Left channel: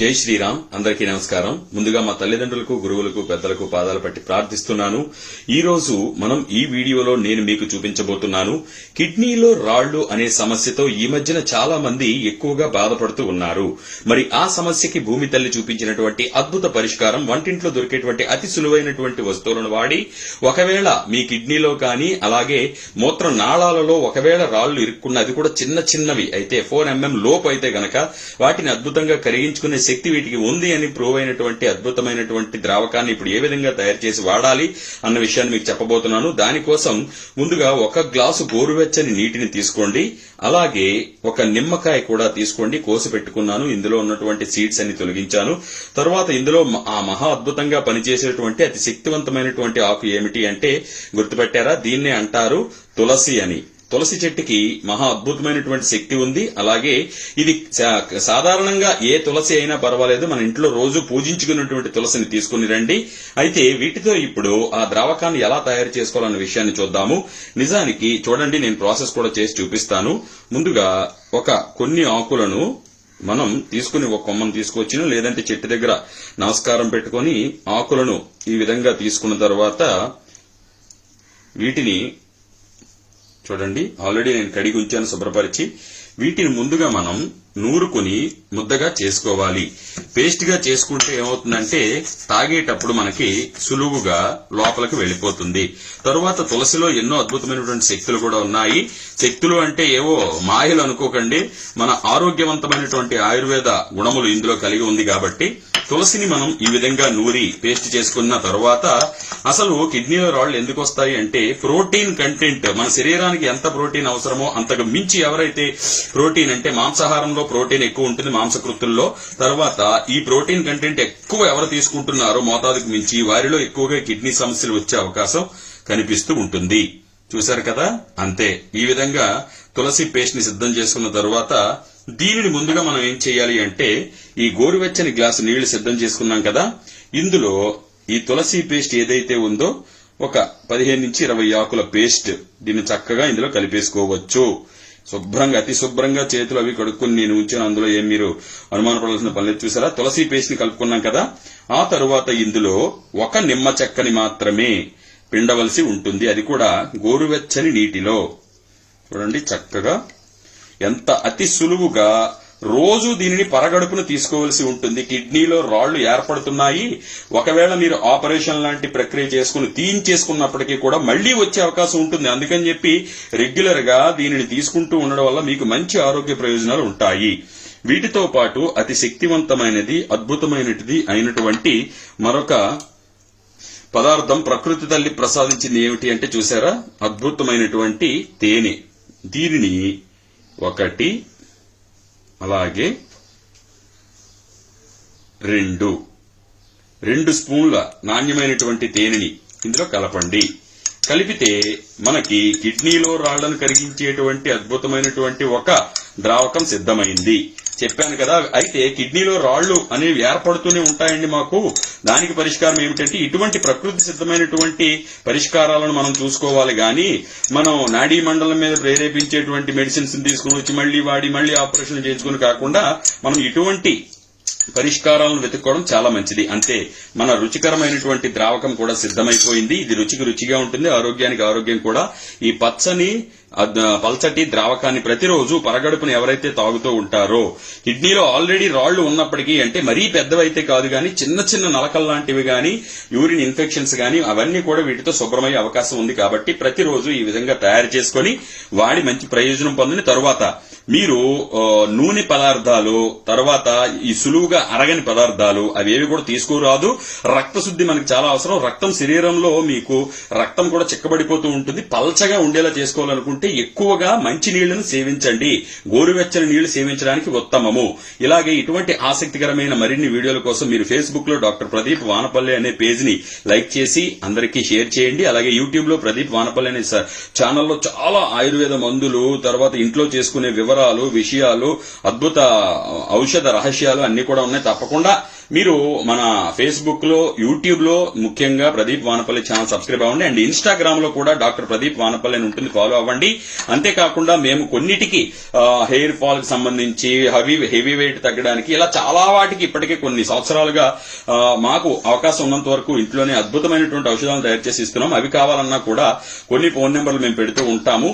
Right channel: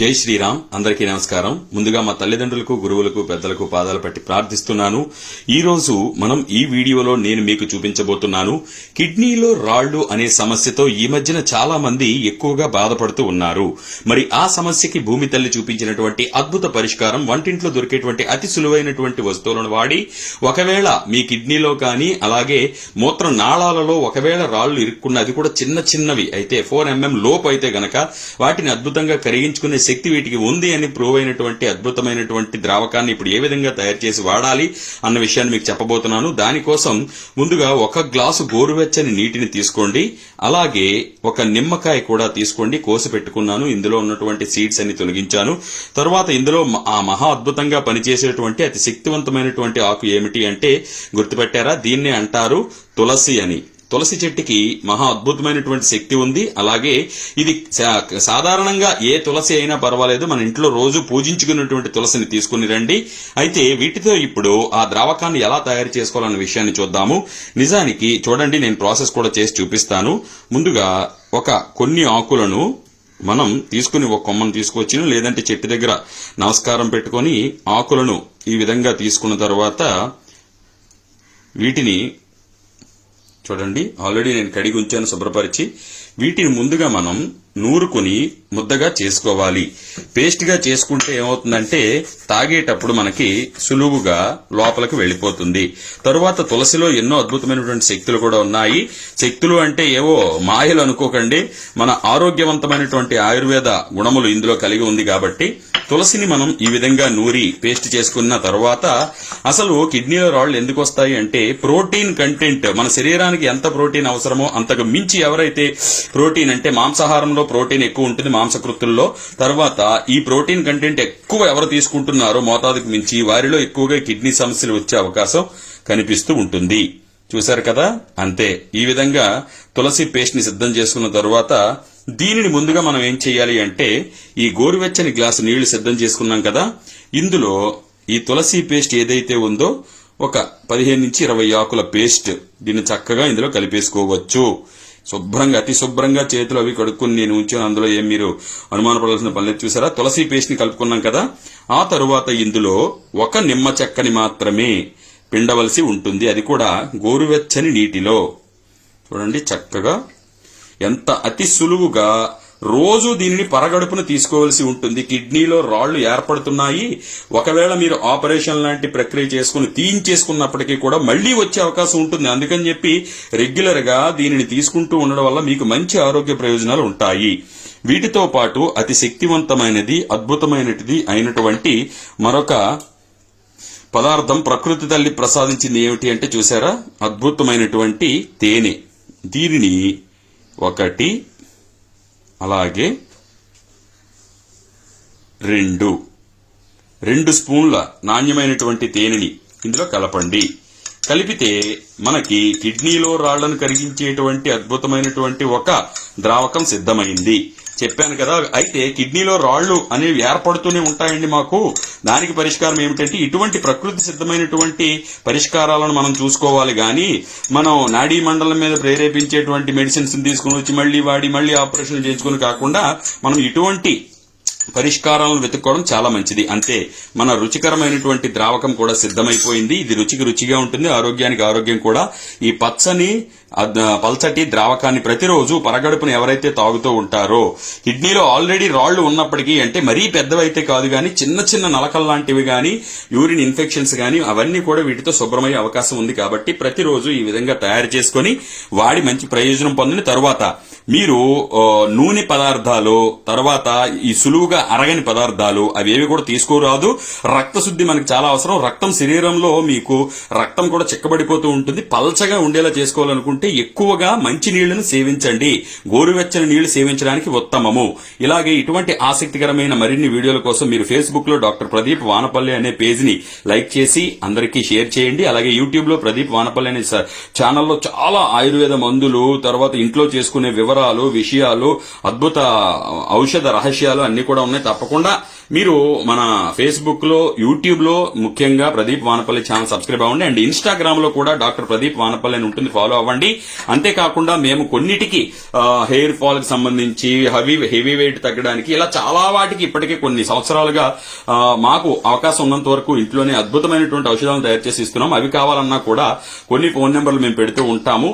జై శ్రీరామ్. అందరికీ నమస్కారం. ముందుగా మా తల్లిదండ్రులకు, గురువులకు, పెద్దలకు పాదాలు పట్టి ప్రార్థిస్తున్నాను. ఈ రోజు మనం ఈ వీడియోలో నేను మీకు చూపించబోతున్నాను కిడ్నీలో రాళ్లు అనే సమస్యతో ఈ మధ్యన చాలా మంది ఎక్కువగా బాధపడుతూ ఉన్నారు. మరి ఆ సమస్యకి భూమి తల్లి చూపించినటువంటి అద్భుత పరిష్కారం వంటింట్లో దొరికేటువంటి అతి సులువైనటువంటి వస్తువులను వాడి ఒకవేళ మీ కిడ్నీలో కానీ అలాగే మూత్ర నాళాలలో ఒకవేళ రాళ్లు ఇరుక్కున్న, అది కూడా చిన్న చిన్నవి అయితే 4 mm లోపు అయితే గనక వాటిని అద్భుతంగా కరిగించుకునే శక్తి వీటికి ఉంది అని ప్రూవ్ అయినటువంటి అద్భుతమైనటువంటి ద్రావకాన్ని ఇప్పుడు ఏ విధంగా తయారు చేసి వాడాలి అన్న విషయాన్ని మీకు చెప్పబోతున్నాను. దానికోసం ముందుగా 1 గ్లాసు గోరువెచ్చని నీటిని తీసుకోండి. అలాగే 1 నిమ్మకాయ కూడా తీసుకోండి. కోసి పెట్టుకున్నాను. ఇందులో ఉన్నటువంటి సీడ్స్ అన్ని తొలగించాను. తర్వాత ఇందులో ఆ మహా అద్భుతంగా పనిచేసేటువంటి అతి శక్తివంతమైనటువంటి ఆకు ఏమిటి అంటే గుర్తుపెట్టారా? దీన్నే అంటారు తులసి అని. తులసి చెట్టుకి మహా అద్భుతమైనటువంటి శక్తి ఉంది. అలాగే ఇది సాధారణంగా ఏ తులసి అయినా పర్వాలేదు, మన ఇంట్లో రోజు పూజించుకున్నటువంటి తులసిని తీసుకుని రండి. అయితే వీటితో ఇప్పుడు ఆ ద్రావకాన్ని ఎలా తయారు చేసుకోవాలన్న విషయాన్ని చూద్దాము. నిజానికి చూడండి, నేను ప్రాసెస్ కూడా చేసి చూపిస్తాను. ముందుగా కొన్ని ఆకులను మనం తీసుకుని ఒక కొమ్మను తీసుకొచ్చిను, లేదంటే చెట్టు దగ్గర నమస్కారం పెట్టుకుని ఆకులను ఈ విధంగా తీసుకున్న తర్వాత వీటిని చూడండి, ఆల్రెడీ నేను కడిగి ఉంచాను శుభ్రపరిచి. వీటిని ముందుగా మనం నూరుకుని ముద్దగా చేసుకోవాలి. పేస్ట్ గా చేసుకుంటే ఏమవుతుందంటే తాగేటప్పుడు మనకి సులువుగా లోపలికి వెళ్లిపోతుంది. తరువాత తులసిలో ఎన్నో అద్భుతమైనటువంటి శక్తులు కూడా ఉన్నాయి. శక్తులు అంటే ఏవో మాయలు అనుకోకండి, మన ఆరోగ్యవంతమైనటువంటి ఆయుర్వేద గుణములు ఇందులో కలిగి ఉంది. కాబట్టి తులసిని మనం ఈ విధంగా నూరి పేస్ట్ చేసుకున్న తర్వాత అసలు కిడ్నీలో రాళ్లు ఎందుకు వస్తాయి అంటే ప్రోటీన్ కంటెంట్, మన శరీరానికి ఎంత ప్రోటీన్ అవసరమో అంతకు మించి ఎవరైతే ప్రోటీన్ అంటే మాంసాహారంలో ప్రోటీన్ ఎక్కువ ఉంటుంది మాంసకృతుల్లో, తర్వాత ఈ ప్రోటీన్ కంటెంట్ ఎక్కువ ఎవరు తీసుకుంటున్నారో మోతాదుకు మించి వారిలో ఎక్కువగా కిడ్నీ సమస్యలు వచ్చే అవకాశం కనిపిస్తూ ఉంటుంది. చూశారు కదా? అంతే. ఈ విధంగా తులసి పేస్ట్ ని సిద్ధం చేసుకున్న తర్వాత దీనిని ముందుగా మనం ఏం చేయాలి అంటే ఈ గోరువెచ్చని గ్లాసు నీళ్లు సిద్ధం చేసుకున్నాం కదా, ఇందులో ఈ తులసి పేస్ట్ ఏదైతే ఉందో 15 నుంచి 20 ఆకుల పేస్ట్ దీన్ని చక్కగా ఇందులో కలిపేసుకోవచ్చు. శుభ్రంగా అతి శుభ్రంగా చేతులు అవి కడుక్కుని నేను ఉంచాను. అందులో ఏం మీరు అనుమానపడాల్సిన పని చూసారా? తులసి పేస్ట్ ని కలుపుకున్నాం కదా, ఆ తరువాత ఇందులో 1 నిమ్మ చెక్కని మాత్రమే పిండవలసి ఉంటుంది. అది కూడా గోరువెచ్చని నీటిలో. చూడండి చక్కగా ఎంత అతి సులువుగా రోజు దీనిని పరగడుపును తీసుకోవాల్సి ఉంటుంది. కిడ్నీలో రాళ్లు ఏర్పడుతున్నాయి, ఒకవేళ మీరు ఆపరేషన్ లాంటి ప్రక్రియ చేసుకుని తీయించేసుకున్నప్పటికీ కూడా మళ్లీ వచ్చే అవకాశం ఉంటుంది. అందుకని చెప్పి రెగ్యులర్ గా దీనిని తీసుకుంటూ ఉండడం వల్ల మీకు మంచి ఆరోగ్య ప్రయోజనాలు ఉంటాయి. వీటితో పాటు అతి శక్తివంతమైనది, అద్భుతమైనది అయినటువంటి మరొక పదార్థం ప్రకృతి తల్లి ప్రసాదించింది ఏమిటి అంటే చూసారా? అద్భుతమైనటువంటి తేనె. దీనిని 1 అలాగే 2 స్పూన్ల నాణ్యమైనటువంటి తేనెని ఇందులో కలపండి. కలిపితే మనకి కిడ్నీలో రాళ్లను కరిగించేటువంటి అద్భుతమైనటువంటి ఒక ద్రావకం సిద్ధమైంది. చెప్పాను కదా. అయితే కిడ్నీలో రాళ్లు అనేవి ఏర్పడుతూనే ఉంటాయండి మాకు. దానికి పరిష్కారం ఏమిటంటే ఇటువంటి ప్రకృతి సిద్ధమైనటువంటి పరిష్కారాలను మనం చూసుకోవాలి. గాని మనం నాడీ మండలం మీద ప్రేరేపించేటువంటి మెడిసిన్స్ తీసుకుని వచ్చి మళ్లీ వాడి మళ్లీ ఆపరేషన్ చేసుకుని కాకుండా మనం ఇటువంటి పరిష్కారాలను వెతుక్కోవడం చాలా మంచిది. అంతే. మన రుచికరమైనటువంటి ద్రావకం కూడా సిద్ధమైపోయింది. ఇది రుచికి రుచిగా ఉంటుంది, ఆరోగ్యానికి ఆరోగ్యం కూడా. ఈ పచ్చని పల్చటి ద్రావకాన్ని ప్రతిరోజు పరగడుపును ఎవరైతే తాగుతూ ఉంటారో, కిడ్నీలో ఆల్రెడీ రాళ్లు ఉన్నప్పటికీ, అంటే మరీ పెద్దవైతే కాదు గాని చిన్న చిన్న నలకల్ లాంటివి గాని యూరిన్ ఇన్ఫెక్షన్స్ గాని అవన్నీ కూడా వీటితో శుభ్రమయ్యే అవకాశం ఉంది. కాబట్టి ప్రతిరోజు ఈ విధంగా తయారు చేసుకుని వాడి మంచి ప్రయోజనం పొందిన తరువాత మీరు నూనె పదార్థాలు, తర్వాత ఈ సులువుగా అరగని పదార్థాలు అవేవి కూడా తీసుకోరాదు. రక్తశుద్ధి మనకు చాలా అవసరం. రక్తం శరీరంలో మీకు రక్తం కూడా చిక్కబడిపోతూ ఉంటుంది. పల్చగా ఉండేలా చేసుకోవాలనుకుంటే ఎక్కువగా మంచి నీళ్లను సేవించండి. గోరువెచ్చని నీళ్లు సేవించడానికి ఉత్తమము. ఇలాగే ఇటువంటి ఆసక్తికరమైన మరిన్ని వీడియోల కోసం మీరు ఫేస్బుక్ లో డాక్టర్ ప్రదీప్ వానపల్లి అనే పేజ్ ని లైక్ చేసి అందరికీ షేర్ చేయండి. అలాగే యూట్యూబ్ లో ప్రదీప్ వానపల్లి అనే ఛానల్లో చాలా ఆయుర్వేద మందులు, తర్వాత ఇంట్లో చేసుకునే వివరాలు, విషయాలు, అద్భుత ఔషధ రహస్యాలు అన్ని కూడా ఉన్నాయి. తప్పకుండా మీరు మన ఫేస్బుక్ లో, యూట్యూబ్ లో ముఖ్యంగా ప్రదీప్ వానపల్లి ఛానల్ సబ్స్క్రైబ్ అవ్వండి. అండ్ ఇన్స్టాగ్రామ్ లో కూడా డాక్టర్ ప్రదీప్ వానపల్లి అని ఉంటుంది, ఫాలో అవ్వండి. అంతేకాకుండా మేము కొన్నిటికి హెయిర్ ఫాల్ కి సంబంధించి, హెవీ వెయిట్ తగ్గడానికి, ఇలా చాలా వాటికి ఇప్పటికే కొన్ని సంవత్సరాలుగా మాకు అవకాశం ఉన్నంత వరకు ఇంట్లోనే అద్భుతమైనటువంటి ఔషధాలను తయారు చేసి ఇస్తున్నాం. అవి కావాలన్నా కూడా కొన్ని ఫోన్ నెంబర్లు మేము పెడుతూ ఉంటాము.